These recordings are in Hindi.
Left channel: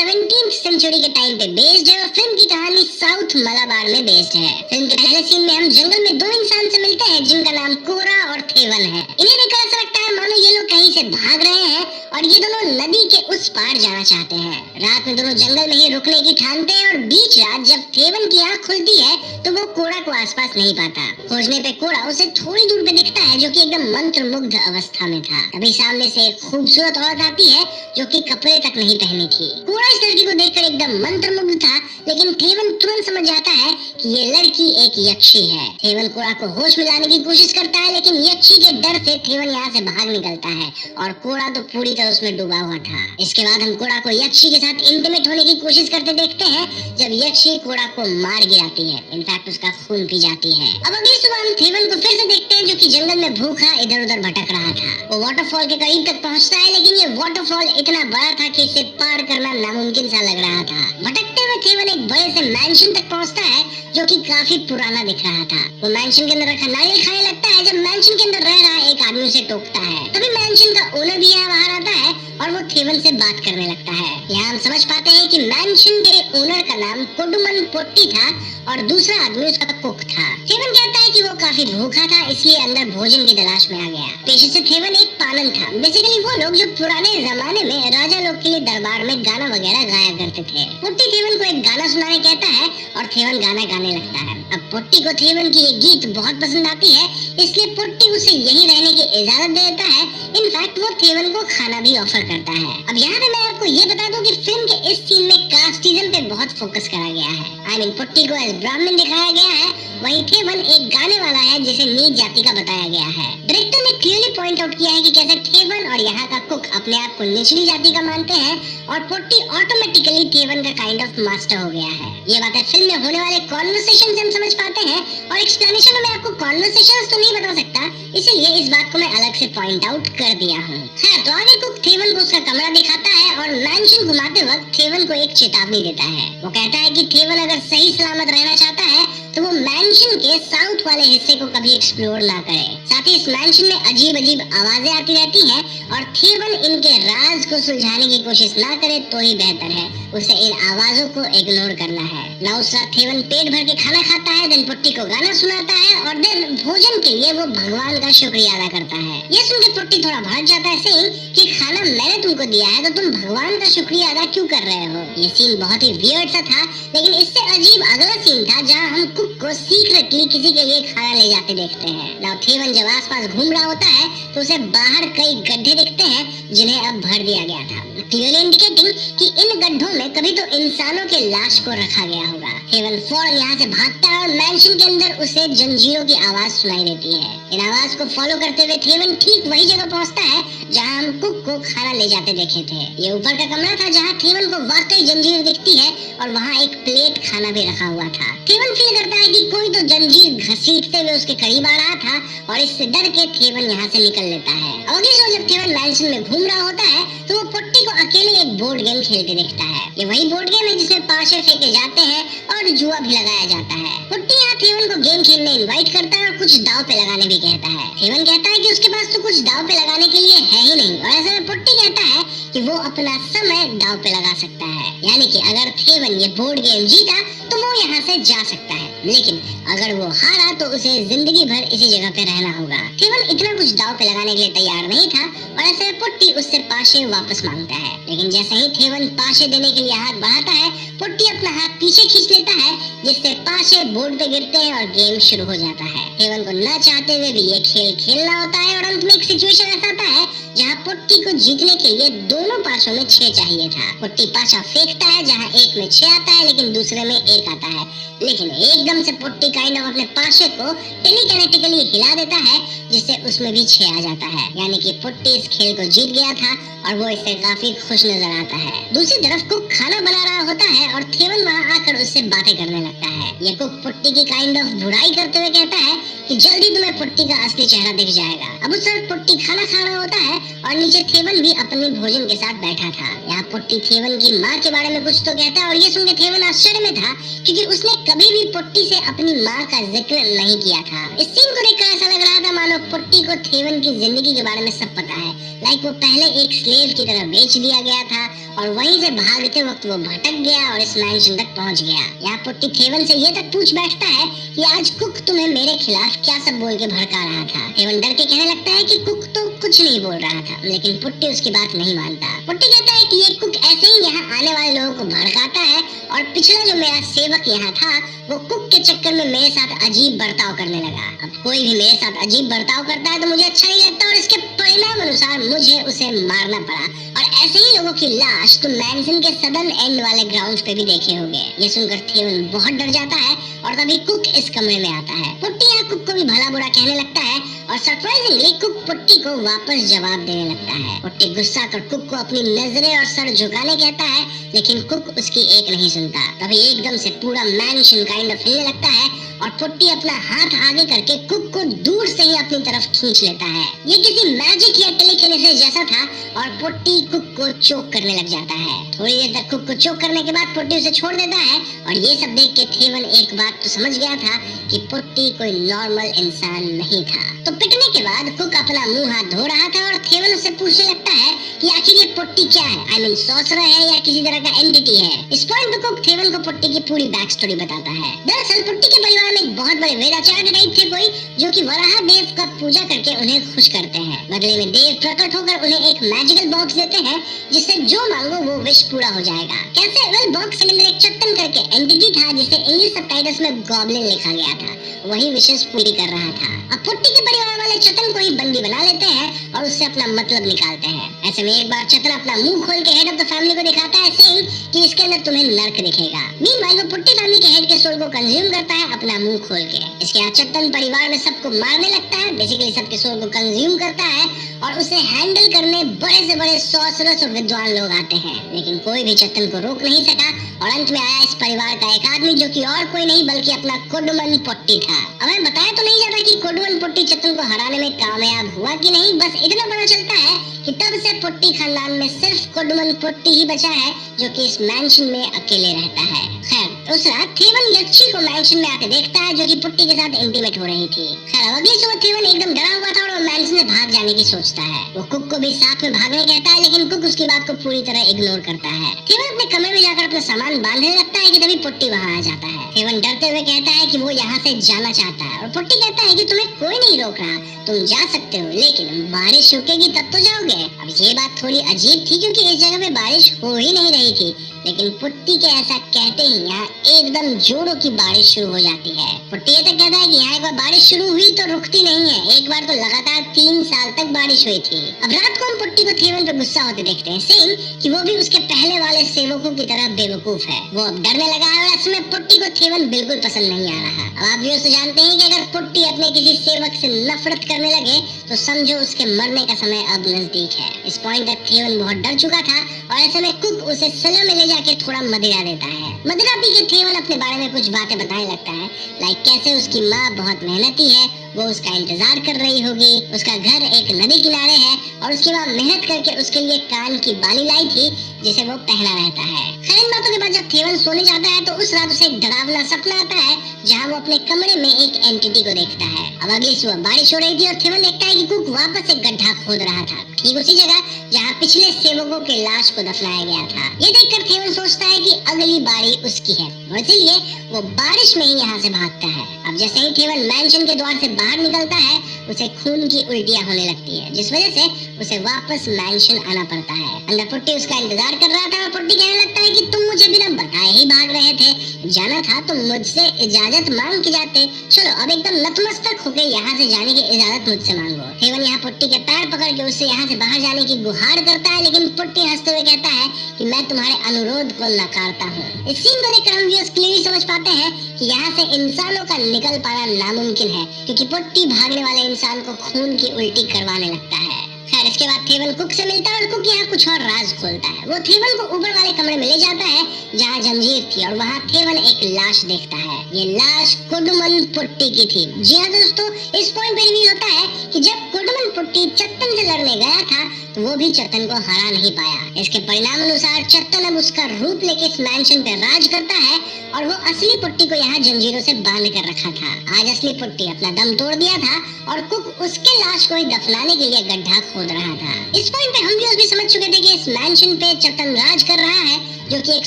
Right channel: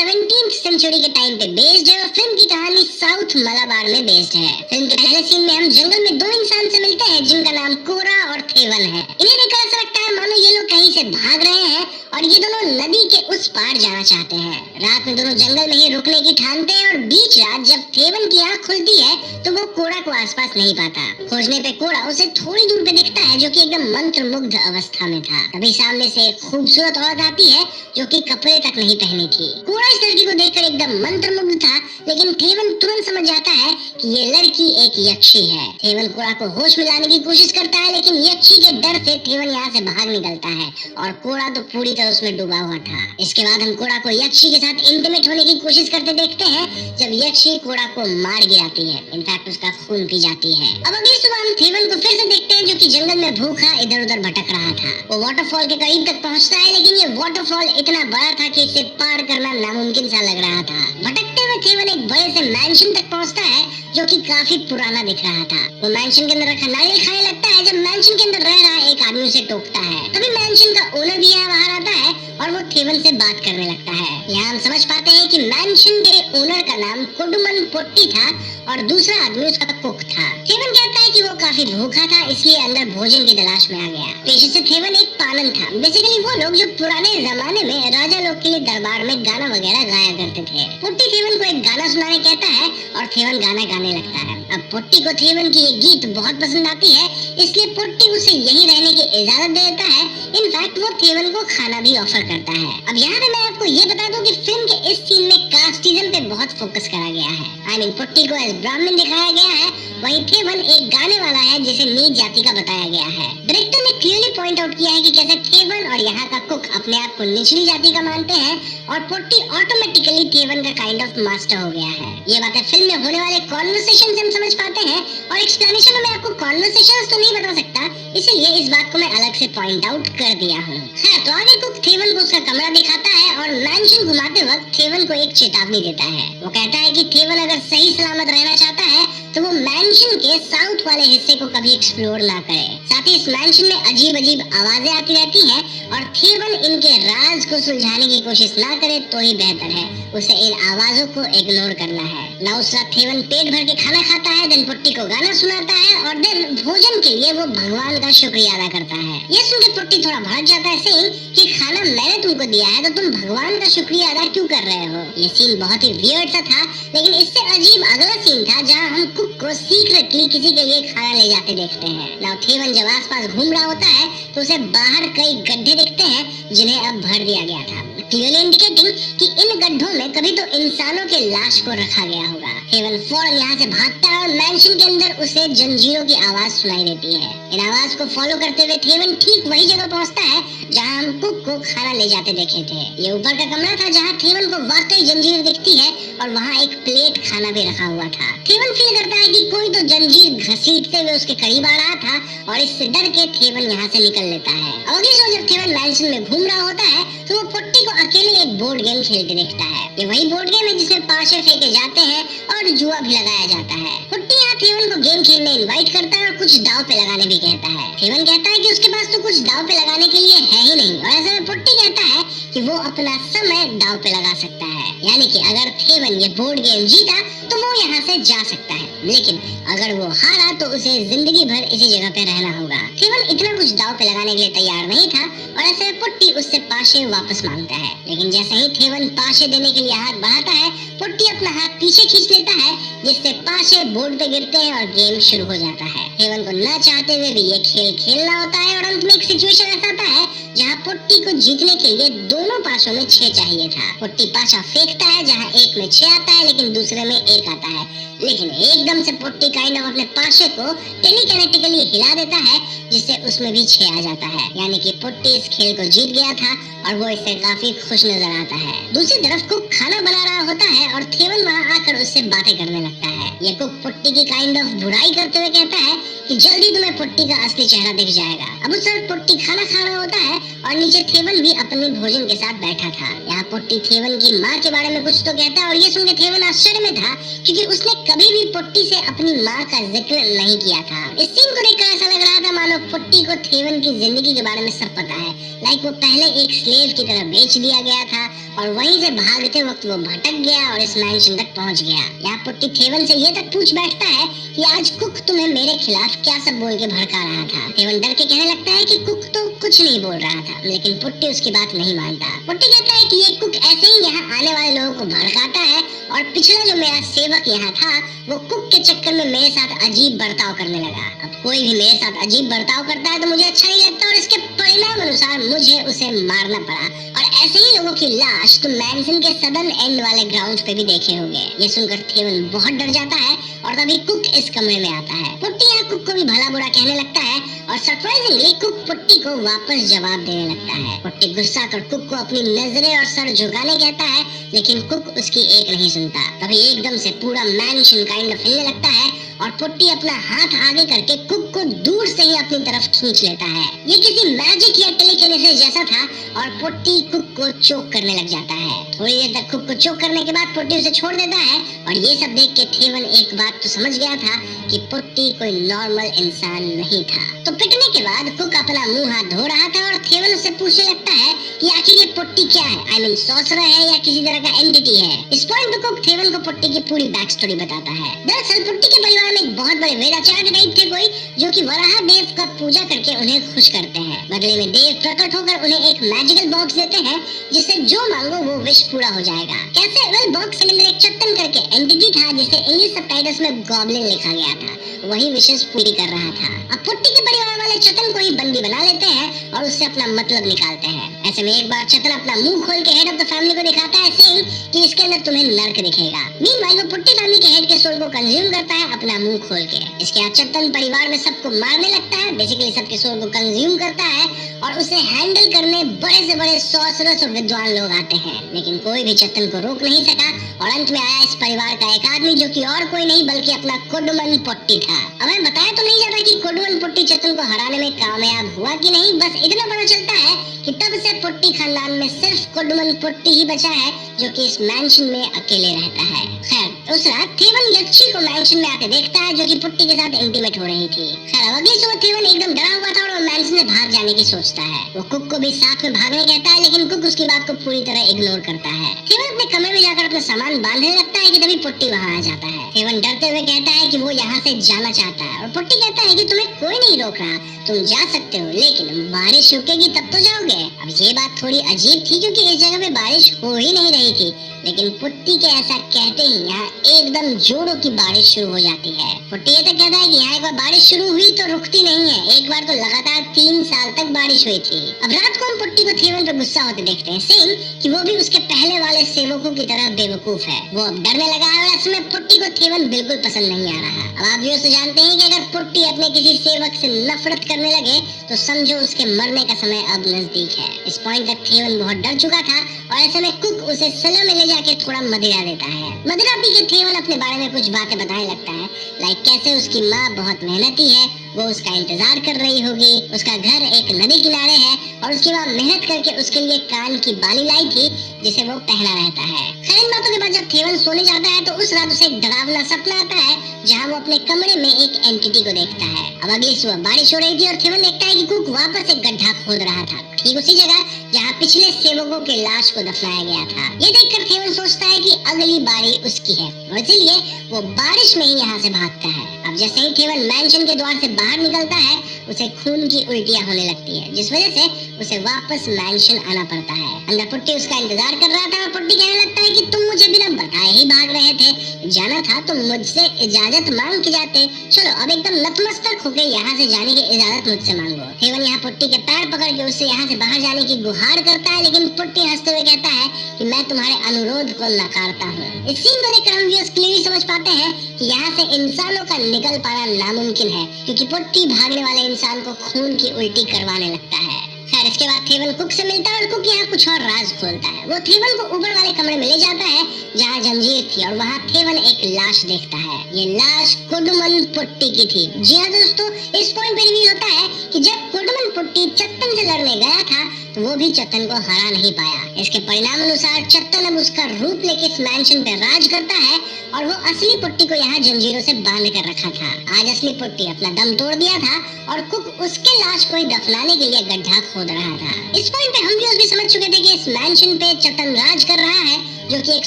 17th सेंचुरी के टाइम पे बेस्ड है और फिल्म की कहानी साउथ मलाबार में बेस्ड है। फिल्म के पहले सीन में हम जंगल में दो इंसान से मिलते हैं जिनका नाम कोरा और थेवन है। इन्हें देखकर ऐसा लगता है मानो ये लोग कहीं से भाग रहे हैं और ये दोनों नदी के उस पार जाना चाहते हैं। रात में दोनों जंगल में ही रुकने की ठानते हैं और बीच रात जब थेवन की आँख खुलती है तो वो कोरा को आसपास नहीं पाता। खोजने पे कोरा उसे थोड़ी दूर पे दिखता है जो कि एकदम मंत्रमुग्ध अवस्था में था। तभी सामने से एक खूबसूरत औरत आती है जो कि कपड़े तक नहीं पहनी थी। कोरा इस लड़की को देखकर एकदम मंत्रमुग्ध था, लेकिन थेवन तुरंत समझ जाता है कि ये लड़की एक यक्षी है। थेवन कोरा को होश में लाने की कोशिश करता है, लेकिन यक्षी के डर से थेवन यहाँ से भाग निकलता है और कोरा तो पूरी तरह उसमें डूबा हुआ था। इसके बाद हम कोरा को यक्षी के साथ इंटीमेट होने की कोशिश करते देखते हैं जब यक्षी कोरा को मार गिराती है। इनफैक्ट उसका खून पी जाती है। अब अगली सुबह हम थेवन को फिर से देखते हैं जो कि जंगल में भूखा इधर उधर भटक रहा था। वो वाटरफॉल के करीब तक पहुँचता है, लेकिन ये वाटरफॉल इतना बड़ा था कि इसे पार करना नामुमकिन सा लग रहा था। भटकते हुए थेवन एक बड़े से मैंशन तक पहुँचता है जो कि काफी पुराना दिख रहा था। वो मैंशन के अंदर रखा नारियल खाने लगता है जब मैंशन के अंदर रह रहा एक आदमी उसे टोकता है। तभी मैंशन का ओनर भी यहाँ बाहर आता है और वो थेवन से बात करने लगता है। यहाँ हम समझ पाते हैं कि मैंशन के ओनर का नाम कुडुमन पोट्टी था और दूसरा आदमी उसका कुक था। थेवन कहता है कि वो काफी भूखा था, इसलिए अंदर भोजन की तलाश में आ गया। पेशे से थेवन एक पालन था। बेसिकली वो लोग जो पुराने जमाने में राजा लोग के दरबार में गाना वगैरह गाया करते थे। पोट्टी थेवन को एक गाना सुनाने कहता है और थेवन गाना गाने लगता है। अब पोट्टी को थेवन की ये गीत बहुत पसंद आती है, इसलिए पोट्टी उसे यहीं रहने की इजाजत देता है। इनफैक्ट वो थेवन को खाना भी ऑफर करता है। अब यहाँ पे मैं आपको ये बता दूं कि फिल्म के इस सीन में कास्टिज्म पे बहुत फोकस करा गया है। आई मीन पोट्टी को एक ब्राह्मण दिखाया गया है, वहीं थेवन एक गाने वाला है जिसे नीच जाति का बताया गया है। डायरेक्टर ने क्लियरली पॉइंट आउट किया है कि कैसे थेवन और यहाँ का कुक अपने आप को निचली जाति का मानते हैं और पोट्टी ऑटोमेटिकली थेवन का काइंड ऑफ मास्टर हो गया है। ये बातें फिल्म में होने वाले कॉन्वर्सेशन से हम समझ पाते हैं और एक्सप्लेनेशन में मैं आपको कॉन्वर्सेशन तो नहीं बता सकता, इसलिए इस बात को मैं अलग से पॉइंट आउट कर दिया हूँ। तो आगे कुक थेवन को उसका कमरा दिखाता है और मैंशन घुमाते वक्त थेवन को एक चेतावनी देता है। वो कहता है कि थेवन अगर सही सलामत रहना चाहता है तो वो मैंशन के साउथ वाले हिस्से को कभी एक्सप्लोर ना करे। साथ ही इस मैंशन में अजीब अजीब आवाजें आती रहती है और थेवन इनके राज को सुलझाने की कोशिश ना करे तो ही बेहतर है। उसे इन आवाजों को इग्नोर करना है। ना उस वक्त थेवन पेट भर के खाना खाता है, देन पुट्टी को गाना सुनाता है और देन भोजन के लिए वो भगवान का शुक्रिया अदा करता है। ये सुन के पुट्टी थोड़ा भड़क जाता है कि खाना मैंने तुमको दिया है तो तुम भगवान का शुक्रिया अदा क्यों कर रहे हो। ये सीन बहुत ही वियर्ड सा था, लेकिन इससे अजीब अगला सीन था जहाँ हम कुक को सीक्रेटली किसी के लिए खाना ले जाते देखते हैं। नाउ थेवन जब आसपास घूम रहा होता है तो उसे बाहर कई गड्ढे दिखते हैं जिन्हें अब भर दिया गया था, क्लियरली इंडिकेटिंग कि इन गड्ढों में कभी तो इंसानों के लाश को रखा गया होगा। थेवन फौरन यहाँ से भागता है और मैंशन के अंदर उसे जंजीरों की आवाज सुनाई देती है। इन आवाज को फॉलो करते हुए थेवन ठीक वही जगह पहुँचता है जहाँ हम कुक को खाना ले जाते देखे थे। ये ऊपर का कमरा था जहाँ थेवन को वाकई जंजीर दिखती है और वहाँ एक प्लेट खाना भी रखा हुआ था। थेवन फील करता है कि कोई तो जंजीर घसीटते हुए उसके करीब आ रहा था और इससे डर के थेवन यहाँ से निकल लेता है। अगली सुबह जब थेवन मैंशन में घूम रहा होता है तो वो पुट्टी को अकेले एक बोर्ड गेम खेलते देखता है। ये वही बोर्ड गेम है जिसमें पाशे फेंके जाते हैं और जुआ भी लगाया जाता है। पुट्टी यहाँ थेवन को गेम खेलने इनवाइट करता है और कुछ दाव पे लगाने भी कहता है। थेवन कहता है कि उसके पास तो कुछ दाव पे लगाने के लिए है ही नहीं और ऐसे में पुट्टी कहता है कि वो अपना समय दाव पे लगा सकता है, यानी कि अगर थेवन ये बोर्ड गेम जीता तो वो यहाँ से जा सकता है, लेकिन अगर वो हारा तो उसे जिंदगी भर इसी जगह पे रहना होगा। थेवन इतना कुछ दाव पे लगाने के लिए तैयार नहीं था और ऐसे में पुट्टी उससे पाशे वापस मांगता है, लेकिन जैसे ही थेवन पाशे देने के लिए हाथ बढ़ाता है पुट्टी अपना हाथ पीछे खींच लेता है जिससे पाशे बोर्ड पे गिरते हैं और गेम शुरू हो जाता है। थेवन को ना चाहते हुए भी ये खेल खेलना होता है और अंत में एक सिचुएशन ऐसा आता है जहाँ पुट्टी को जीतने के लिए दोनों पासों में 6 चाहिए था। पुट्टी पासा फेंकता है जहाँ एक में 6 आता है लेकिन दूसरे में 1 आता है, लेकिन एकदम से पुट्टी काइंड ऑफ अपने पासे को टेलीकिनेटिकली हिला देता है जिससे उसमें भी 6 आ जाता है, यानी कि पुट्टी इस खेल को जीत गया था और वो इससे काफी खुश नजर आता है। दूसरी तरफ कुक खाना बना रहा होता है और थेवन वहाँ आकर उससे बातें करने लगता है। ये कुक पुट्टी की काइंड ऑफ बुराई करते हुए कहता है कि जल्दी तुम्हें पुट्टी का असली चेहरा दिख जाएगा। अब उस वक्त पुट्टी खाना खा रहा होता है और नीचे थेवन भी अपने भोजन के साथ बैठा था। यहाँ पुट्टी थेवन की माँ के बारे में कुछ तो कहता है और ये सुनकर थेवन आश्चर्य में था क्योंकि उसने कभी भी पुट्टी से अपनी माँ का जिक्र नहीं किया था। इस सीन को देखकर ऐसा लग रहा था मानो पुट्टी को थेवन की जिंदगी के बारे में सब पता है, लाइक वो पहले एक स्लेव की तरह बेच दिया गया था और वहीं से भागते वक्त वो भटक गया और इस मैंशन तक पहुंच गया। यहाँ पुट्टी थेवन से ये तक पूछ बैठता है कि आज कुक तुम्हें मेरे खिलाफ क्या सब बोल के भड़का रहा था। थेवन डर के कहने लगता है कि कुक तो कुछ नहीं बोल रहा था, लेकिन पुट्टी उसकी बात नहीं मानता। पुट्टी कहता है कि ये कुक ऐसे ही यहाँ आने वाले लोगों को भड़काता है और पिछला जो मेरा सेवक यहाँ था वो कुक के चक्कर में मेरे साथ अजीब बर्ताव करने लगा। अब कोई भी मेरे साथ अजीब बर्ताव करता है तो मुझे अच्छा नहीं लगता और इसके परिणाम अनुसार मुझे उसे मारना पड़ा। और ऐसे ही लोगों की लाश तो मैंसन के सदर्न एंड वाले ग्राउंड पे भी देखे होंगे। ये सुनकर थेवन बहुत डर जाता है और तभी कुक इस कमरे में आता है। पुट्टी यहाँ कुक को भी भला बुरा कहने लगता है और सरप्राइजिंगली कुक पुट्टी को वापस जवाब देने लगता है। पुट्टी गुस्सा कर कुक को अपनी नजरें और सर झुकाने कहता है, लेकिन कुक उसकी एक नहीं सुनता। तभी एकदम से पूरा मैंशन काइंड ऑफ हिलने लगता है और पुट्टी अपना हाथ आगे करके कुक को दूर से ही अपनी तरफ खींच लेता है। ये किसी मैजिक या टेलीकिनेसिस जैसा था और पुट्टी कुक को चोक करने लग जाता है। थोड़ी देर तक कुक को चोक करने के बाद पुट्टी उसे छोड़ देता है और ये सब देख के थेवन एक बात तो समझ गया था कि पुट्टी कोई नॉर्मल इंसान नहीं था। तो पिटने के बाद कुक अपना मुंह हाथ धो रहा था और थेवन उससे पूछने लगता है कि आखिर ये पुट्टी क्या है, आई मीन सॉर्सरर है या किसी तरह का एंटिटी है। इस पॉइंट पे कुक थेवन को पुट्टी की पूरी बैक स्टोरी बताता है। दरअसल पुट्टी के परिवार में एक बहुत बड़े वेदाचार्य टाइप थे कोई, जो कि वराह देव का पूजा करके उन्हें खुश करते हैं। बदले में देव प्रकट होकर उन्हें एक मैजिकल बॉक्स देते हैं जिससे जो मांगो वो विश पूरा हो जाएगा। कैसे? वेल, बॉक्स के अंदर एक चट्टन करके एंटिटी था जिसे इंग्लिश सबटाइटल्स में गॉब्लिन लिखा गया था, वही विशेष पूरी कर रहा था। अब पुट्टी के परिवार वाले चतन को एक बंदी बना लेते हैं और उससे अपना मतलब निकालते हैं। ऐसे में एक बार चतन अपना मुंह खोल के हेड ऑफ द फैमिली को दिखाता है सीन कि इसके अंदर तुम्हें नर्क दिखेगा। मीनवाइल वो पुट्टी फैमिली के हेड के सोल को कंज्यूम करता है अपना मुंह खोल के। इसके बाद चतन परिवार में सबको मारने लगता है, बेसिकली सबके सोल को कंज्यूम करता है और उसे हैंडल करने बड़े से बड़े सॉर्सरर्स और विद्वान लोग आते हैं, लेकिन कोई भी चतन को रोक नहीं सका और अंत में आया इस परिवार का एक आदमी जो कि और कोई नहीं बल्कि अपना कुडमन पुट्टी था। हमें बताया तो नहीं जाता कि कुडमन पुट्टी चतन को हराने में कामयाब हुआ कि नहीं, बस इतना पता चलता है कि तब से पुट्टी खानदान में सिर्फ कुडमन पुट्टी ही बचा है जो कि इस मैंशन में अकेले रहता है। खैर उस रात थेवन यक्षी को मैंशन में आके देखता है जो कि पुट्टी के साथ इंटीमेट हो रही थी। खैर अगली सुबह थेवन एकदम डरा हुआ था और मैंशन में भाग जाने की सोचता है। वो कुक को भी साथ में भागने कहता है, लेकिन कुक उसकी बात को पूरी तरह इग्नोर करता है। थेवन अपने कमरे में जाकर अपना सामान बांधने लगता है कि तभी पुट्टी वहाँ आ जाता है। थेवन डरते हुए कहता है कि वो यहाँ से जाना चाहता है और पुट्टी कहता है कि तुम्हें कोई नहीं रोक रहा, तुम जा सकते हो, लेकिन बारिश रुकेगी तब तो जाओगे। अब ये बात थोड़ी अजीब थी क्योंकि इस जगह पे बारिश हो ही नहीं रही थी, लेकिन पुट्टी के ऐसा कहते ही यहाँ एकदम जोरों की बारिश शुरू हो जाती है। पुट्टी ये तो कहता है कि यहाँ एक बार बारिश शुरू हुई तो रुकती नहीं है, एक बार तो लगातार 3 साल तक बारिश हुई थी। अब रात को हम पुट्टी को थेवन पे गुस्सा होते देखते हैं, सेम कि वो भी उसके पहले वाले सेवकों की तरह बेवकूफ है। वो अब डरने लगा है और ऐसे में पुट्टी को थेवन बिल्कुल पसंद नहीं आ रहा। अब आप व्यूअर्स जानते हैं कि अगर पुट्टी अपने किसी सेवक से नफरत करने लगे तो समझो उसके मरने का समय अब नजदीक है। इस पॉइंट तक थेवन बहुत डर चुका था और ऐसे में कुक उसे सलाह में ले जाके थोड़ा मदिरा देता है। मदिरा पी के थेवन अपने बारे में कुछ बातें बताने लगता है, लाइक कैसे उसकी माँ बहुत मेहनती है, वो उसका इंतजार कर रही होगी, उसका घर एक नदी किनारे है और उसकी माँ मेहनत करके उसके लिए कान की बाली लाई थी जिसे वो पहना रहता है। खैर इन बातों के बाद जब थेवन सोने जाता है तो उस रात उसे एक डरावना सपना आता है जहाँ वो अपने कमरे में एक एंटिटी को देखता है। अब अगली सुबह बारिश हो रही थी और थेवन देखता है कि कुक वापस एक गड्ढा खोद रहा था, ठीक उसी जगह जहाँ पिछले सेवकों के लाश को दफनाया गया था। ये देखकर थेवन सोचता है कि अगली बारी उसकी है, इसलिए वो बारिश में ही यहाँ से भागता है। अब जैसे ही थेवन मैंशन के द्वार से बाहर निकलता है उसे खून की उल्टियाँ होने लगती है, जिस वजह से उसे वापस मैंशन आना पड़ता है। अंदर पुट्टी उसका इंतजार कर रहा था और पुट्टी कहने लगता है कि तुम मुझे बिना बताए ही भाग रहे थे, जाना था तो मुझसे इजाजत मांग के जाते। चलो अब एकदम नतमस्तक होकर यहाँ से जाने की इजाजत मुझसे मांगो। थेवन यहाँ पुट्टी के पैर पकड़ के उससे यहाँ से बाहर जाने की गुहार करता है, लेकिन पुट्टी हंसते हुए कहता है कि मैं तुम्हारे अनुरोध को नकारता हूँ। इस सीन को देखकर हम व्यूअर्स क्लियरली समझ पाते हैं कि यहाँ से इंसानों का निकल पाना नामुमकिन है, क्योंकि पुट्टी भागने वाले इंसान को खून की उल्टी करवाने लगता है। खैर इसके बाद थेवन कुक से मिलता है और कुक यहाँ कुछ और राज खोलता है। वो थेवन को ऊपर वाले कमरे में ले जाता है जहाँ जंजीर थी और वहाँ थेवन एक लाश देखता है। ये लाश कुडमन पुट्टी की थी। जी हाँ दोस्तों, इस पॉइंट पे रिवील होता है कि जब कुडमन पुट्टी चट्टन से लड़ने गया था तो वो भी चत्तन को हरा नहीं पाया। इसके परिणाम अनुसार चत्तन अब उसका रूप लेके इस मैंशन पे राज करता है और वो असली पुट्टी को यहाँ जंजीरों से बांध कर रखा था। आज असली पुट्टी अपना दम तोड़ दिया था और कुक उसके लाश को दफनाने के लिए गड्ढा खोद रहा था। इस पॉइंट पे हम भी समझ चुके थे कि इस मैंशन पे चत्तन राज कर रहा है, जो कि एक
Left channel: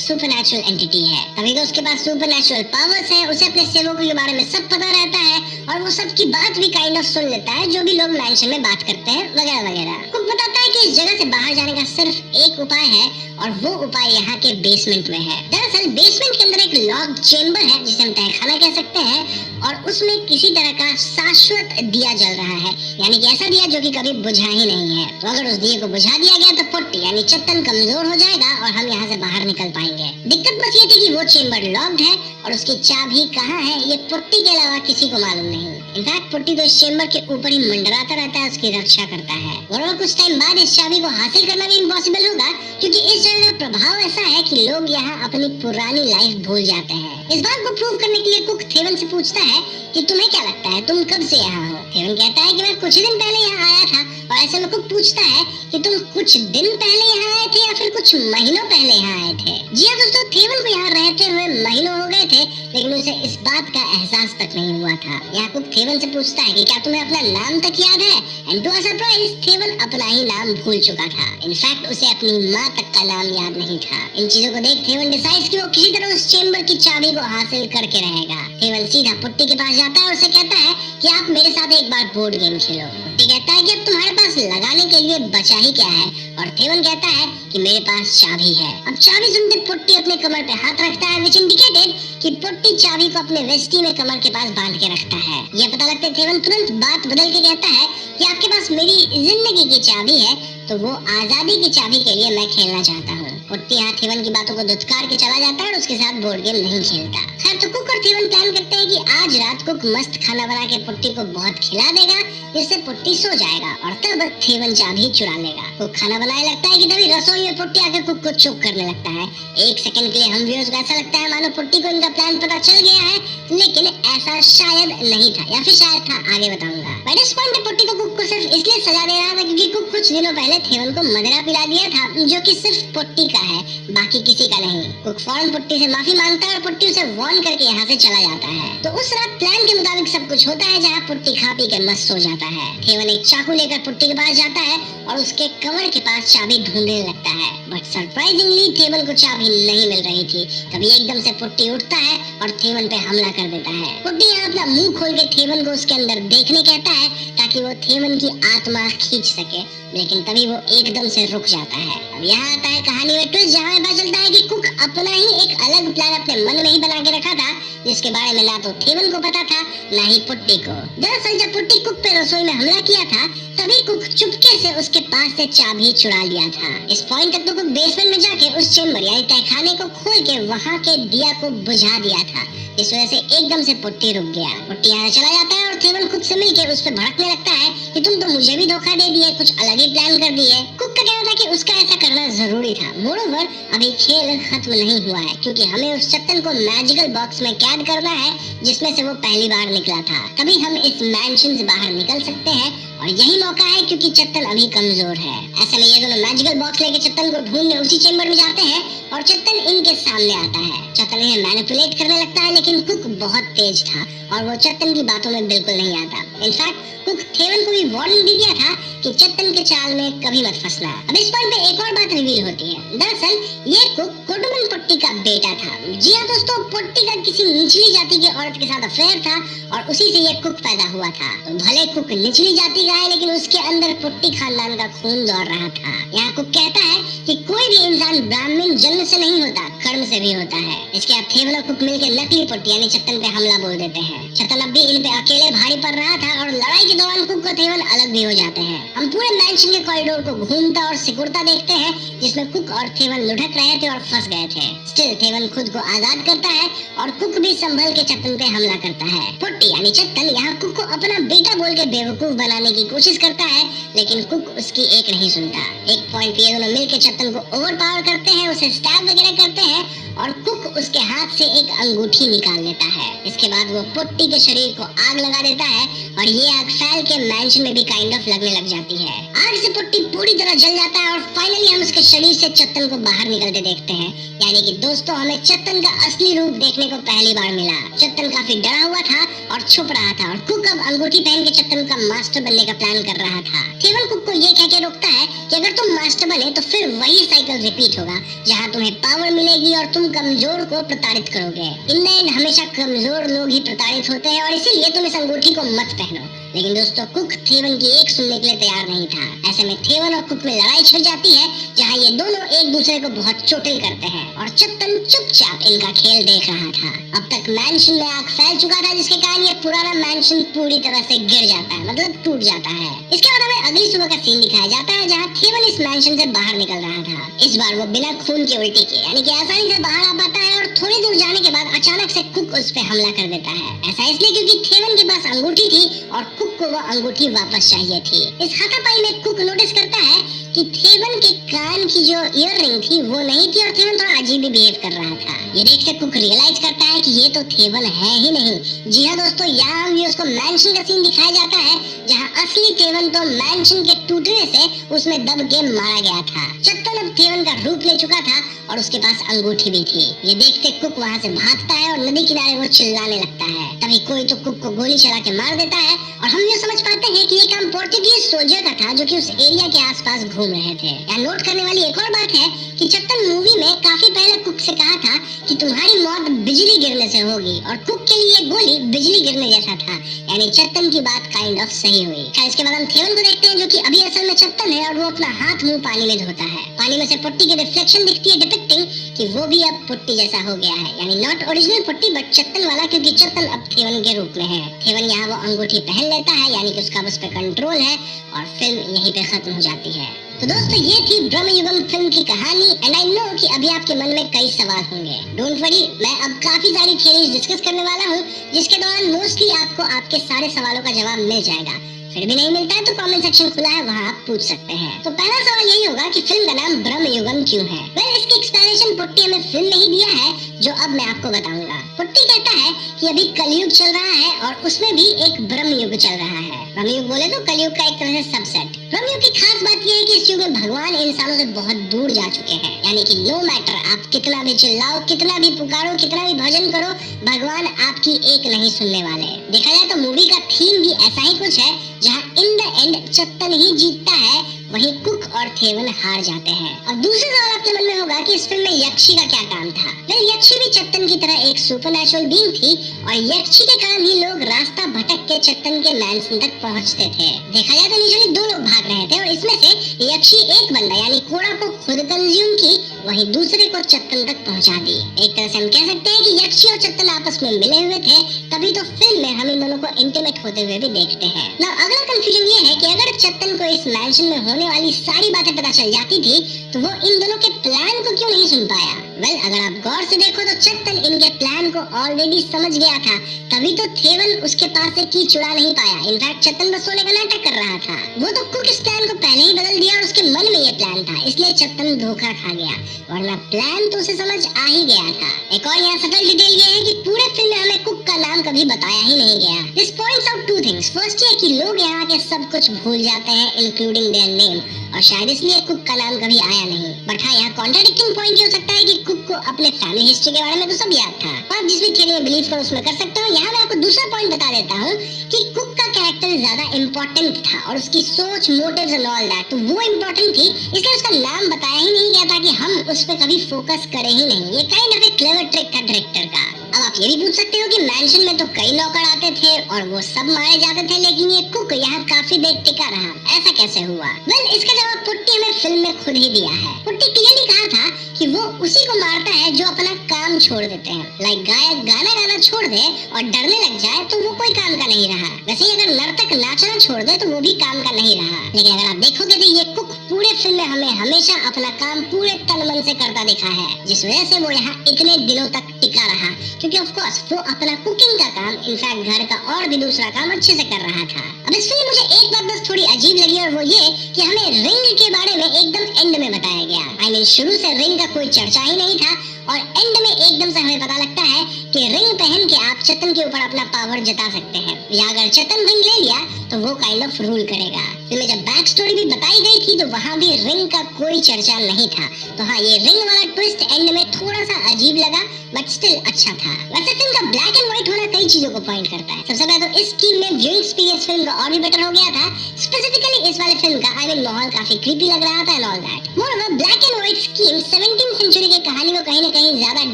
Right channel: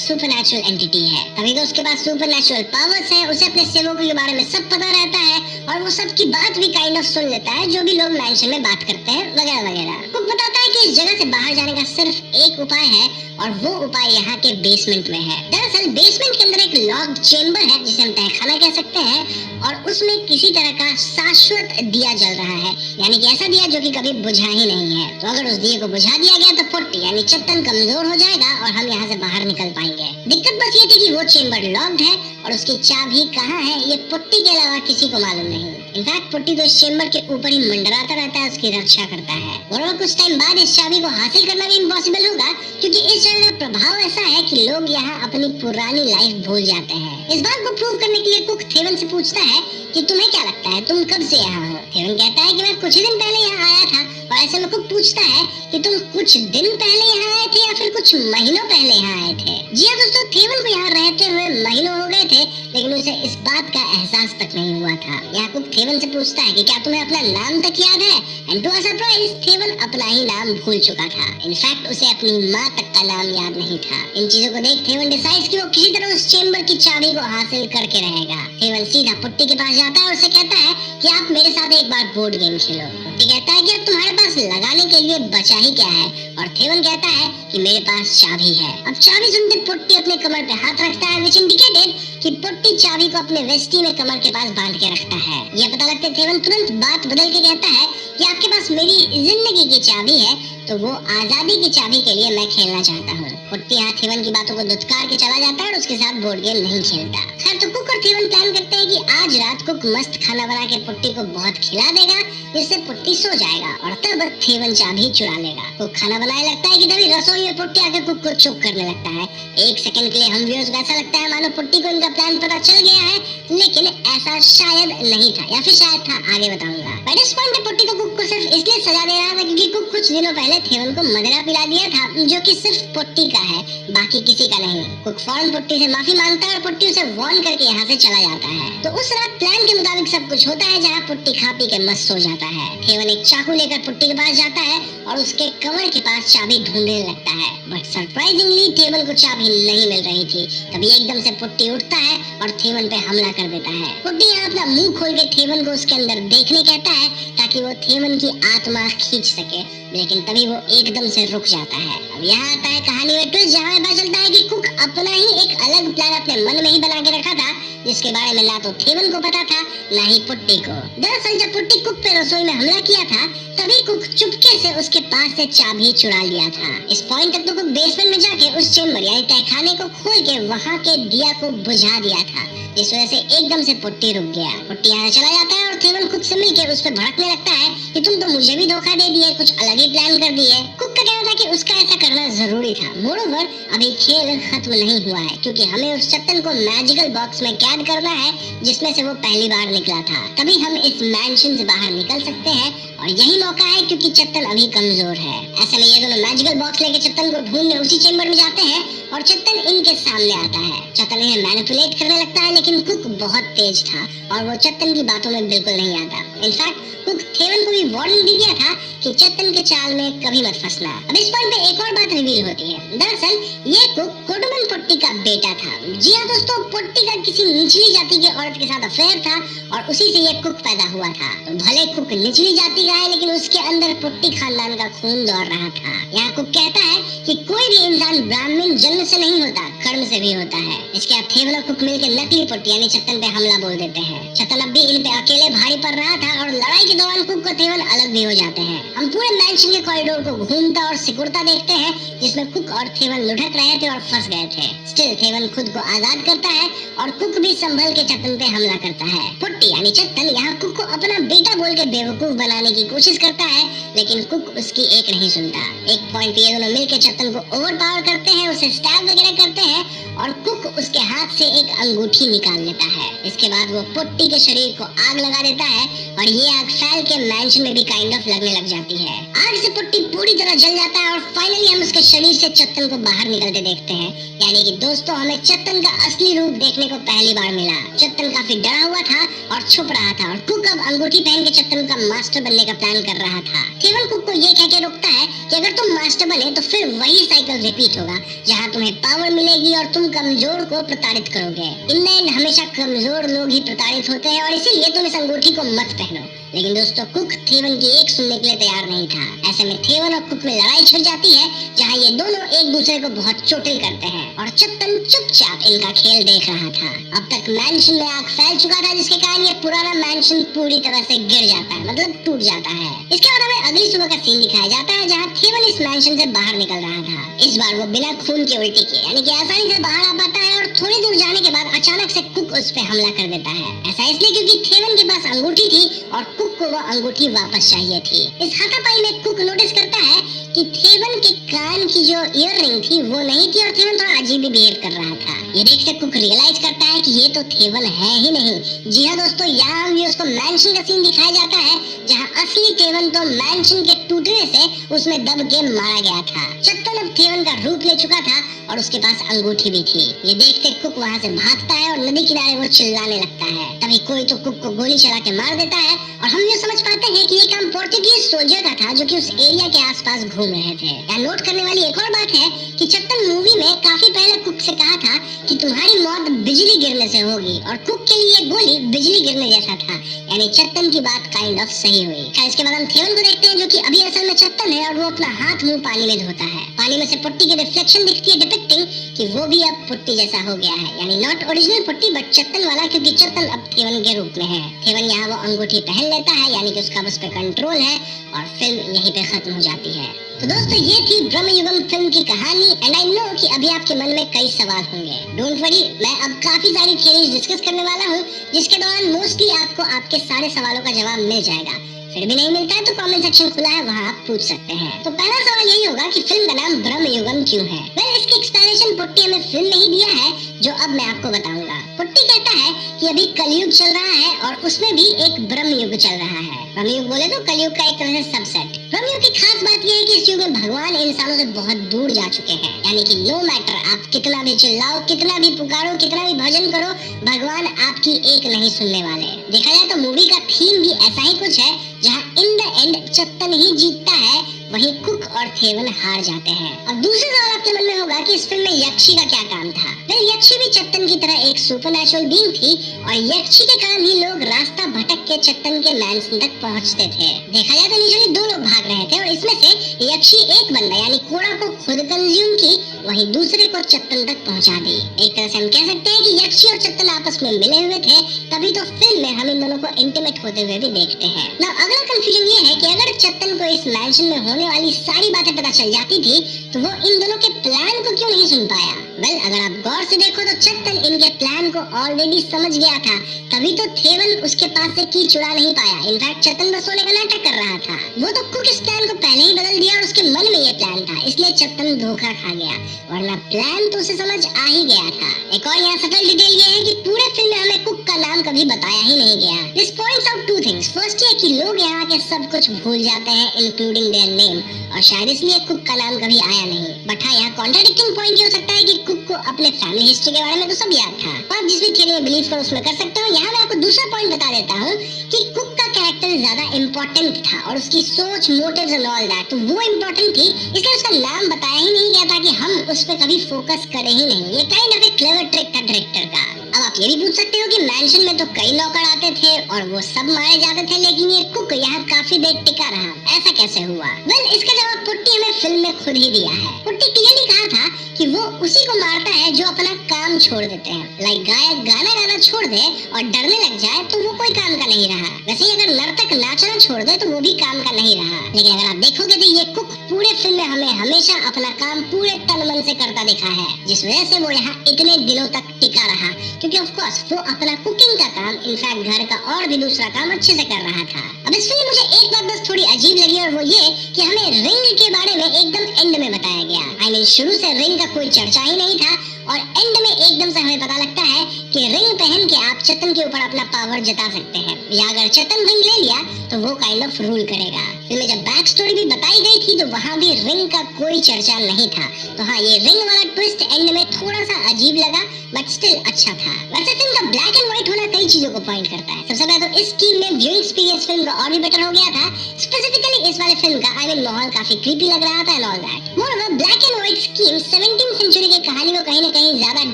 सुपरनैचुरल एंटिटी है। तभी तो उसके पास सुपरनैचुरल पावर्स है, उसे अपने सेवकों के बारे में सब पता रहता है और वो सबकी बात भी काइंड ऑफ सुन लेता है, जो भी लोग मैंशन में बात करते हैं वगैरह वगैरह। कुक बताता है कि इस जगह से बाहर जाने का सिर्फ एक उपाय है और वो उपाय यहाँ के बेसमेंट में है। दरअसल बेसमेंट के अंदर एक लॉक चेम्बर है जिसे हम तहखाना कह सकते हैं और उसमें किसी तरह का शाश्वत दिया जल रहा है, यानी कि ऐसा दिया जो कि कभी बुझा ही नहीं है। तो अगर उस दिए को बुझा दिया गया तो पुट्टी यानी चत्तन कमजोर हो जाएगा और हम यहाँ से बाहर निकल पाएंगे। दिक्कत बस ये थी कि वो चेम्बर लॉक्ड है और उसकी चाबी कहाँ है ये पुट्टी के अलावा किसी को मालूम नहीं। इनफैक्ट पुट्टी तो इस चेम्बर के ऊपर ही मंडराता रहता है, उसकी रक्षा करता है। और कुछ टाइम बाद इस चाबी को हासिल करना भी इम्पॉसिबल होगा, क्योंकि इस जगह का प्रभाव ऐसा है कि लोग यहाँ अपनी पुरानी लाइफ भूल जाते हैं। इस बात को प्रूव करने के लिए कुक थेवन से पूछता है कि तुम्हें क्या लगता है तुम कब से यहाँ हो? थेवन कहता है कि मैं कुछ ही दिन पहले यहाँ आया था। और ऐसे में कुक पूछता है कि तुम कुछ दिन पहले यहाँ आए थे या फिर कुछ महीनों पहले यहाँ आए थे? जी हाँ दोस्तों, थेवन को यहाँ रहते हुए महीनों हो गए थे, लेकिन उसे इस बात का एहसास तक नहीं हुआ था। यहाँ कुक थेवन से पूछता है कि क्या तुम्हें अपना नाम तक याद है? एंड टू सरप्राइज थेवन अपना ही नाम भूल चुका था। इनफैक्ट उसे अपनी माँ तक का नाम याद नहीं था। इन चीजों को देख थेवन डिसाइड्स कि वो किसी तरह उस चेम्बर की चाबी को हासिल करके रहेगा। थेवन सीधा पुट्टी के पास जाता है और उसे कहता है कि आप मेरे साथ एक बार बोर्ड गेम खेलो। पुट्टी कहता है कि अब तुम्हारे पास लगाने के लिए बचा ही क्या है? और थेवन कहता है कि मेरे पास चाबी है। अब चाबी सुनते पुट्टी अपने कमर पे हाथ रखता है, विच इंडिकेटेड कि पुट्टी चाबी को अपने वेस्टी में कमर के पास बांध के रखता है। ये पता लगता है थेवन तुरंत बात बदल के कहता है कि आपके पास मेरी जिंदगी की चाबी है, तो वो आजादी की चाबी के लिए मैं खेलना चाहता हूँ। पुट्टी यहाँ थेवन की बातों को दुत्कार के चला जाता है और उसके साथ बोर्ड गेम नहीं खेलता। खैर तो कुक और थेवन प्लान करते हैं कि आज रात कुक मस्त खाना बना के पुट्टी को बहुत खिला देगा, जिससे पुट्टी सो जाएगा और तब थेवन चाबी चुरा लेगा। कुक खाना बनाने लगता है कि तभी रसोई में पुट्टी आकर कुक को चुप करने लगता है। एक सेकंड के लिए हम व्यूअर्स को ऐसा लगता है मानो पुट्टी को इनका प्लान पता चल गया है, लेकिन ऐसा शायद नहीं था या फिर शायद था, आगे बताऊंगा। बट इस पॉइंट में पुट्टी को कुक को सिर्फ इसलिए सजा दे रहा था क्योंकि कुक कुछ दिनों पहले थेवन को मदिरा पिला दिया था, जो कि सिर्फ पुट्टी का है, बाकी किसी का नहीं। कुक फौरन पुट्टी से माफी मांगता है और पुट्टी उसे वार्न करके यहाँ से चला जाता है। तो उस रात प्लान के मुताबिक सब कुछ होता है, जहाँ पुट्टी खा पी के मस्त सो जाता है। थेवन एक चाकू लेकर पुट्टी के पास जाता है और उसके कमर के पास चाबी ढूंढने लगता है। बट सरप्राइजिंगली थेवन को चाबी नहीं मिल रही थी। तभी एकदम से पुट्टी उठता है और थेवन पे हमला कर देता है। पुट्टी यहाँ अपना मुंह खोल के थेवन को उसके अंदर देखने कहता है ताकि वो थेवन की आत्मा खींच सके, लेकिन तभी वो एकदम से रुक जाता है। अब यहाँ आता है कहानी में ट्विस्ट, जहाँ पता चलता है कि कुक अपना ही एक अलग प्लान अपने मन में ही बना के रखा था, जिसके बारे में ना तो थेवन को पता था ना ही पुट्टी को। दरअसल जब पुट्टी कुक पे रसोई में हमला किया था, तभी कुक चुपके से उसके पास से चाबी चुरा लिया था। इस पॉइंट तक तो कुक बेसमेंट में जाके उस चेम्बर यानी तहखाने को खोल के वहाँ के दिया को बुझा दिया था, जिस वजह से एकदम से पुट्टी रुक गया। पुट्टी यहाँ चला जाता है और थेवन खुद से मिलकर उस पर भड़कने लगता है कि तुम तो मुझे भी धोखा दे दिए, कुछ अलग ही प्लान कर दिए। कुक का कहना था कि उसका ऐसा करना जरूरी था। मोरोवर अभी खेल खत्म नहीं हुआ है, क्योंकि हमें उस चत्तन को मैजिकल बॉक्स में कैद करना है जिसमें से वो पहली बार निकला था। तभी हम इस मैंशन से बाहर निकल सकते हैं और यही मौका है क्योंकि चत्तन अभी कमजोर है। ऐसे में ये दोनों मैजिकल बॉक्स लेके चत्तन को ढूंढने उसी चेम्बर में जाते हैं और चत्तन इनके सामने आता है। चत्तन इन्हें मैनिपुलेट करने लगता है, लेकिन कुक बहुत तेज था और वो चत्तन की बातों में बिल्कुल नहीं आता। इनफैक्ट कुक थेवन को भी वार्निंग दे दिया था कि चत्तन के चाल में कभी मत फंसना। अब इस पॉइंट पे एक और बात रिवील होती है। दरअसल ये कुक कोडोमन पुट्टी का बेटा था। जी हाँ दोस्तों, पुट्टी का किसी निचली जाति की औरत के साथ अफेयर था और उसी से ये कुक पैदा हुआ था। तो भले कुक निचली जाति का है, लेकिन उसके अंदर पुट्टी खानदान का खून दौड़ रहा था। यहाँ कुक कहता है कि कोई भी इंसान ब्राह्मण जन्म से नहीं होता, कर्म से भी होता है। इसके बाद थेवन और कुक मिलकर नकली पुट्टी यानी चत्तन पे हमला बोल देते हैं। चत्तन अब भी इन पे अकेले भारी पड़ रहा था और लड़ाई के दौरान कुक और थेवन अलग भी हो जाते हैं। हम पूरे मैंशन के कॉरिडोर को घूमता और सिकुड़ता देखते हैं, जिसमें कुक और थेवन लुढ़क रहे थे और फंस गए थे। स्टिल थेवन खुद को आजाद करता है और कुक भी संभल के चत्तन पे हमला करता है। पुट्टी यानी चत्तन यहाँ कुक को अपना बेटा बोल के बेवकूफ बनाने की कोशिश करता है, लेकिन कुक उसकी एक नहीं सुनता। एक पॉइंट ये दोनों मिलकर चत्तन को ओवर पावर करते हैं, उसे स्टैब वगैरह करते हैं और कुक उसके हाथ से एक अंगूठी निकाल लेता है। इसके बाद वो पुट्टी के शरीर को आग लगा देता है और ये आग फैल के मैंशन में भी काइंड ऑफ लगने लग जाती है। आग से पुट्टी पूरी तरह जल जाता है और फाइनली हम उसके शरीर से चत्तन को बाहर निकलते देखते हैं। यानी कि दोस्तों हमें चत्तन का असली रूप देखने को पहली बार मिला। चत्तन काफी डरा हुआ था और छुप रहा था और कुक अब अंगूठी पहन के चत्तन का मास्टर बनने का प्लान कर रहा था। थेवन कुक को ये कह के रोकता है कि अगर तुम मास्टर बने तो फिर वही साइकिल रिपीट होगा, जहाँ तुम्हें पावर मिलेगी और तुम कमजोर को प्रताड़ित करोगे। इन हमेशा कमजोर लोग ही प्रताड़ित होते हैं और इसीलिए तुम इस अंगूठी को मत पहनो। लेकिन दोस्तों कुक थेवन की एक सुनने के लिए तैयार नहीं था। ऐसे में थेवन और कुक में लड़ाई छिड़ जाती है, जहाँ ये दोनों एक दूसरे को बहुत चोटिल करते हैं और चत्तन चुपचाप इनका खेल देख रहा था। अब तक मैंशन में आग फैल चुका था, जिसके कारण ये पुराना मैंशन पूरी तरह से गिर जाता है, मतलब टूट जाता है। इसके बाद हमें अगली सुबह का सीन दिखाया जाता है, जहाँ थेवन इस मैंशन से बाहर निकल रहा था। इस बार वो बिना खून के उल्टी किए, यानी कि आसानी से बाहर आ पाता है और थोड़ी दूर जाने के बाद अचानक से कुक उस पे हमला कर देता है। ऐसा इसलिए क्योंकि थेवन के पास अंगूठी थी और कुक को वो अंगूठी वापस चाहिए थी। इस हाथापाई में कुक नोटिस करता है कि थेवन के कान की जो ईयररिंग थी वो नहीं थी और थेवन थोड़ा अजीब ही बिहेव कर रहा था। ये देख के कुक रियलाइज करता है कि ये तो थेवन है ही नहीं। जी हाँ दोस्तों, यहाँ भी उसको मैंशन का सीन दिखाया जाता है, जहाँ असली थेवन तो मैंशन के टूटने से उसमें दब के मारा गया था। चत्तन अब थेवन का रूप ले चुका था और उसके पास अंगूठी भी थी। ये देखते कुक वहाँ से भागता है और नदी किनारे वो चिल्लाने लगता है। तभी कोई तो कुक को गोली चला के मार देता है और हम ये समझ पाते हैं कि ये काम पोर्टुगीज सोल्जर का था जो कि उस एरिया के आसपास घूम रहे थे। यहाँ नोट करने वाली एक और बात है कि चत्तन मूवी में काफी पहले कुक से कहा था कि तुम्हारी मौत बिजली गिरने से होगी और कुक के लिए गोली बिजली गिरने जैसा था। यानी चत्तन की बात काइंड ऑफ सही हुई। इसके बाद हम थेवन को देखते हैं, जो कि अभी असल में चत्तन है और वो अपना हाथ मुंह पानी में धोता है। पानी में से पुट्टी की रिफ्लेक्शन दिखती है, डिपिक्टिंग कि वो भी अब पुट्टी जैसा हो गया है। यानी नॉट ओरिजिनल पुट्टी बट चत्तन वाला, क्योंकि चत्तन अब थेवन के रूप में है। थेवन यहाँ वो अंगूठी पहन लेता है, यानी कि उसका उस पर कंट्रोल है और फिल्म यहीं पे खत्म हो जाती है। तो दोस्तों ये थी ब्रह्मयुगम फिल्म की कहानी एंड आई नो कि अभी आपके मन में कई सवाल होंगे। डोंट वरी, मैं अब काफी सारी थ्योरीज डिस्कस करने वाला हूँ, जिसके दौरान मोस्टली आपको आपके सारे सवालों का जवाब मिल जाएगा। फिर भी नहीं मिलता है तो कमेंट सेक्शन खुला है, वहाँ आप पूछ सकते हैं। तो पहला सवाल यही होगा कि फिल्म का नाम ब्रह्मयुगम क्यों है? मैंने इसकी एक्सप्लेनेशन पुट्टी हमें फिल्म में ही दिया है, जो अब मैं आपको बताऊंगा। पुट्टी कहता है कि अभी कलयुग चल रहा है और उसमें भी एक ब्रह्मयुग चल रहा है। ब्रह्मयुग बोले तो कलयुग का एक तरह से सबसेट। ब्रह्मयुग की खास बात यह है कि इस युग में भगवान इंसानों से बहुत दूर जा चुके हैं। यानी कि नो मैटर आप कितना भी चिल्लाओ, कितना भी पुकारो, कितना भी भजन करो, भगवान आपकी एक नहीं सुनने वाले। देखा जाए तो मूवी का थीम भी ऐसा ही कुछ है, जहाँ इन द एंड चत्तन ही जीतता है, वहीं कुक और थेवन हार जाते हैं। अब दूसरा सवाल आपके मन में होगा कि इस फिल्म में यक्षी का क्या काम था? यक्षी भी चत्तन की तरह एक सुपरनैचुरल बीइंग थी और यक्षी के कारण ही लोग रास्ता भटक के चत्तन के मैंशन तक पहुंचते थे। देखा जाए तो यूजुअली दो लोग भाग रहे थे और इसमें से यक्षी एक बंदा यानी कोड़ा को खुद कंज्यूम की, वहीं दूसरे को चत्तन तक पहुंचा दी। एक तरह से हम कह सकते हैं कि यक्षी और चत्तन आपस में मिले हुए थे, तभी तो फिल्म में हम इन दोनों को इंटीमेट होते हुए भी देखते हैं। now, अगला कंफ्यूजन ये है कि अगर चत्तन को इस मैंशन में होने वाली सारी बातें पता चल जाती थी तो वो इन दोनों के प्लान को क्यों नहीं सुन पाया? अगर आप गौर से देखो तो चत्तन इनके प्लान को ऑलरेडी समझ गया था, तभी तो थेवन उसके पास से की चुरा नहीं पाया। इनफैक्ट चत्तन बस सोने का नाटक कर रहा था। वो तो कुक इस प्लान को पहले ही बदल दिया और उसके मन में ये प्लान था, इसलिए चत्तन धोखा खा गया, वरना प्लान तो उसे समझ आ ही गया था। एक और यहाँ सटल डिटेल ये है कि पूरे फिल्म में हमें कुक का नाम कभी बताया ही नहीं गया। This points out two things. First ये कि लोग यहाँ के सब कुछ भूल जाते हैं इंक्लूडिंग देयर नेम, और शायद इसलिए कुक का नाम कभी आया नहीं। बट हाँ, यहाँ कॉन्ट्राडिक्टिंग पॉइंट ये हो सकता है कि कुक को अपने फैमिली हिस्ट्री के बारे में तो सब याद था, और जिस भी थ्योरी में बिलीव करो उसमें कर सकते हो। यहाँ मैं आपको दूसरा पॉइंट बता देता हूँ कि कुक का कैरेक्टर ज्यादा इम्पोर्टेंट था और उसकी सोच, मोटिव्स एंड ऑल दैट, तो वो इम्पोर्टेंट थी, इसलिए उसका नाम बताया ही नहीं गया था कि हम उसको कभी फोकस करें ही नहीं। ये काइंड ऑफ एक क्लेवर ट्रिक था डायरेक्टर का। अब आप ये भी पूछ सकते हो कि मैंशन में तो कई नौकर आते थे और वो सब मारे जाते थे, लेकिन ये कुक यहाँ काफी देर टिका रहा, ऐसा कैसे हुआ? इसका जवाब पुट्टी ने फिल्म में खुद ही दिया है। पुट्टी क्लियरली कहा था कि वो उसी को मारता है जो अपना काम छोड़ देते हैं। लाइक गायक गाना गाना छोड़ दे और डरने लग जाए तो वो कोई काम का नहीं रहा। वैसे अगर नर्तक नाचना छोड़ दे तो वो भी काम का नहीं रहा। लेकिन अगर आप देखोगे तो ये कुक पूरे फिल्म में हमें हमेशा अपना काम पूरे तन मन से करता दिखा है, जिस वजह से वो यहाँ इतने दिनों तक टिका रहा, क्योंकि ऑफ कोर्स वो अपना कुकिंग का काम, इनफैक्ट घर का और भी दूसरा काम अच्छे से कर रहा था। अब इस इस फिल्म मुझे एक बात बस थोड़ी अजीब लगी और वो ये कि हमें रिंग के बारे में एकदम एंड में बताया गया। आई मीन शुरू से रिंग का कोई चर्चा ही नहीं था और एंड में एकदम से हमें पता लगता है कि रिंग पहन के आप चेतन के ऊपर अपना पावर जता सकते हैं या अगर चेतन रिंग ले लिया तो वो काइंड ऑफ रूल करेगा। फिल्म जब बैक स्टोरी भी बताई गई थी तो वहाँ भी रिंग का कोई चर्चा नहीं था। तो हाँ, ये रिंग वाला ट्विस्ट एंड में थोड़ा सा अजीब लगा बट स्टिल अच्छा था। वैसे फिल्म का ब्लैक एंड व्हाइट होना कई चीजों को पॉइंट करता है। सबसे पहले तो इस टीम में व्यूइंग स्पेस फिल्म का और भी बेटर हो गया था। स्पेसिफिकली इस वाले फिल्म का आई मीन माहौल काफी क्रीपी लग रहा था and all that. Moreover black and white scheme 17वीं सेंचुरी की कहानी को कहीं न कहीं ज्यादा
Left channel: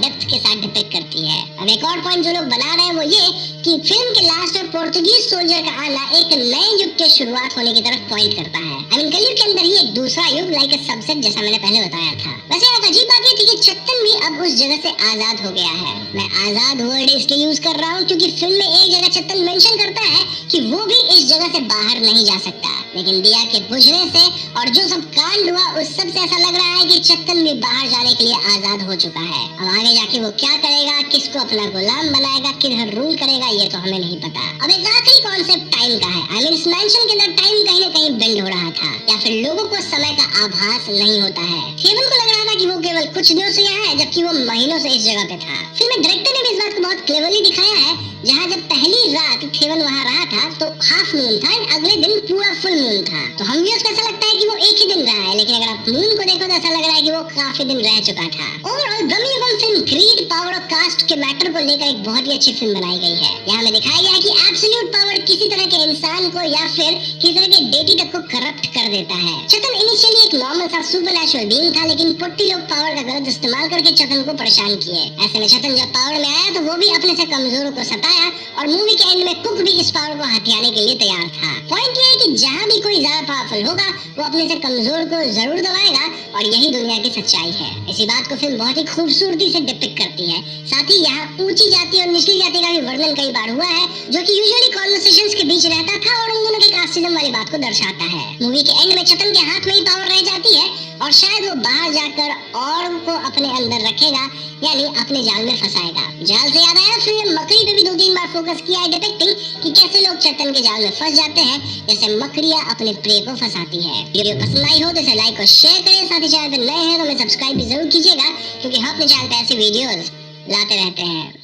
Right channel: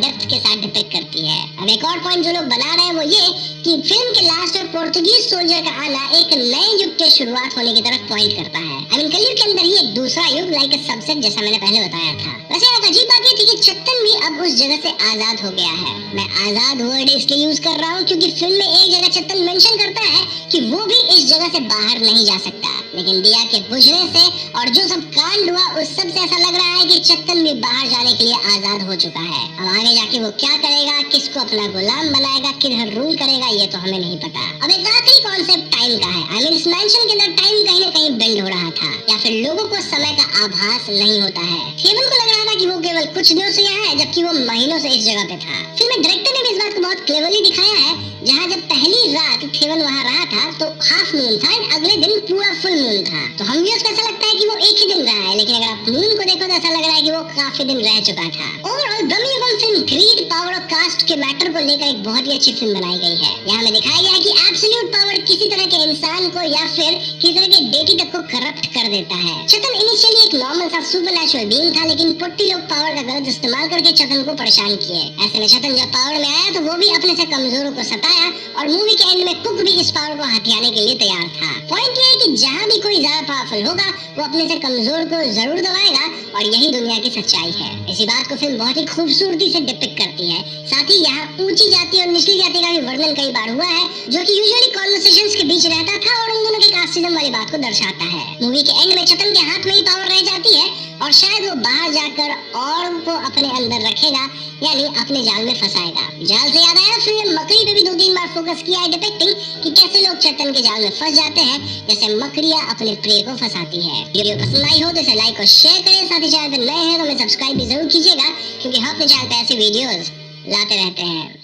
डेप्थ के साथ डिपिक्ट करती है। अब एक और पॉइंट जो लोग बना रहे हैं वो ये कि फिल्म के लास्ट में पोर्तुगीज सोल्जर का आना एक नए युग की शुरुआत होने की तरफ पॉइंट करता है। आई मीन कलयुग के अंदर ये एक दूसरा युग लाइक अ सबसेट जैसा मैंने पहले बताया था। वैसे एक अजीब बात ये थी कि चेतन भी अब उस जगह से आजाद हो गया है। मैं आजाद वर्ड इसलिए यूज कर रहा हूँ क्योंकि फिल्म में एक जगह चेतन मेंशन करता है कि वो भी इस जगह से बाहर नहीं जा सकता, लेकिन दिया के बुझने से और जो सब कांड हुआ उस सब से ऐसा लग रहा है कि चेतन भी बाहर जाने के लिए आजाद हो चुका है। अब आगे जाके वो क्या करेगा, किसको अपना गुलाम बनाएगा, किधर रूल करेगा, ये तो हमें नहीं पता। अब एक आखिरी कॉन्सेप्ट टाइम का है। आई मीन इस मेंशन के अंदर टाइम कहीं ना कहीं बेंड हो रहा था या फिर लोगों को समय का आभास नहीं होता है। केवल को लग रहा था कि वो केवल कुछ दिनों से यहाँ है जबकि वो महीनों से इस जगह पे था। फिल्म में डायरेक्टर ने इस बात को बहुत क्लेवरली दिखाया है। जहाँ जब पहली रात केवल वहाँ रहा था तो हाफ मून था, अगले दिन पूरा फुल मून था। तो हम भी उसको ऐसा लगता है कि वो एक ही दिन रहा है, लेकिन अगर आप मून को देखो तो ऐसा लग रहा है कि वो काफी दिन रह चुका था। ओवरऑल प्रमिनेबल फिल्म ग्रीड पावर और कास्ट के मैटर को लेकर एक बहुत ही अच्छी फिल्म बनाई गई है। यहाँ में दिखाया गया है कि एब्सोल्यूट पावर किसी तरह के इंसान को या फिर किसी तरह के डेटी तक को करप्ट कर देता है। चेतन इनिशियली एक नॉर्मल सा सुपरनैचुरल बीइंग था, लेकिन पुट्टी लोग पावर का गलत इस्तेमाल करके चेतन को परेशान किए। ऐसे में चेतन जब पावर में आया तो वो भी अपने से कमजोरों को सताया और मूवी के एंड में कुक भी इस पावर को हथियाने के लिए तैयार था। पॉइंट ये है कि जहाँ भी कोई ज्यादा पावरफुल होगा वो अपने से कमजोर को जरूर दबाएगा और यही दुनिया की सच्चाई है। इसी बात को फिल्म बहुत ही खूबसूरती से डिपिक्ट करती है। साथ ही यहाँ ऊंची जाति और निचली जाति का भी वर्णन कई बार हुआ है जो कि यूजुअली कॉन्वर्सेशंस के बीच रहता था और उन दोनों के कास्टिज्म वाली बात को दर्शाता है। मूवी के एंड में चेतन के हाथ में ही पावर रह जाती है और शायद वो बाहर जाकर और को अपने अंदर रखेगा यानी अपने जाल में फंसाएगा। जाल से याद आया, फिल्म मकड़ी पे भी 2-3 बार फोकस किया है डिपिक्टिंग कि कैसे लोग चेतन के जाल में फंस जाते हैं जैसे मकड़ियाँ अपने प्रिय को फंसाती हैं। वीडियो पसंद आई हो तो इसे लाइक और शेयर करें। साथ ही चैनल पर नए हैं तो हमें सब्सक्राइब भी जरूर कीजिएगा क्योंकि हम अपने चैनल पे ऐसे वीडियोस लाते रहते हैं।